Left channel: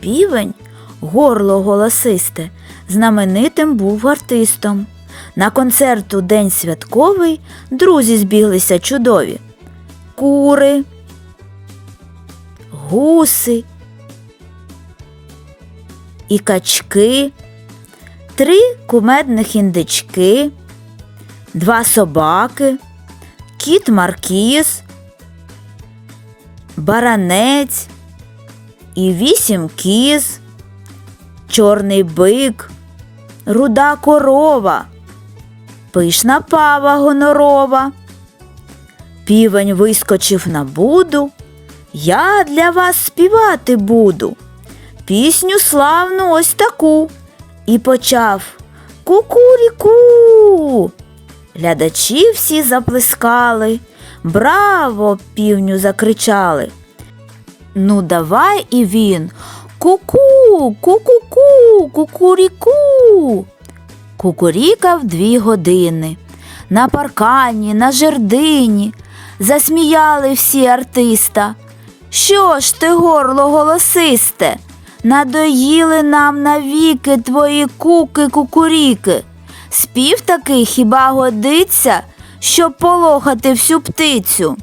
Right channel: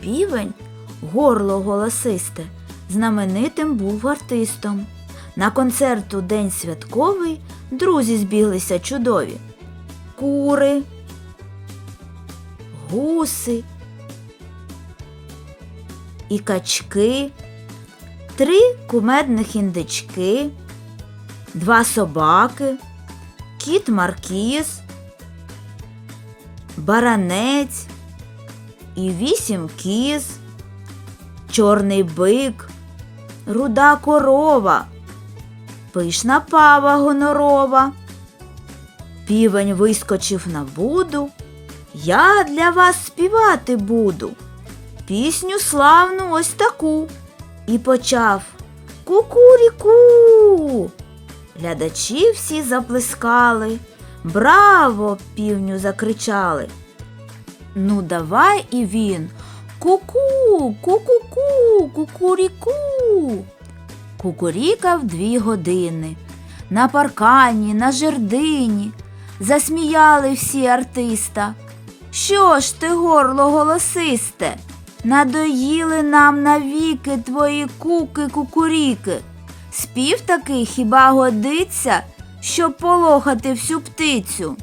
Півень, горло голосисте, знаменитим був артистом. На концерт у день святковий друзі збіглися чудові. Кури, гуси і качки, три кумедних індички, два собаки, кіт Маркіз, баранець і вісім кіз, чорний бик, руда корова, пишна пава гонорова. Півень вискочив на буду. Я для вас співати буду. Пісню славну ось таку. І почав Кукуріку. Глядачі всі заплескали. Браво! півню закричали. Ну, давай і він. Ку-ку, ку-ку-ку, кукуріку. Кукурікав дві години. На паркані, на жердині. Засміяли всі артиста. Що ж ти, горло голосисте? Надоїли нам навіки твої куки кукуріки. Спів такий хіба годиться, щоб полохати всю птицю.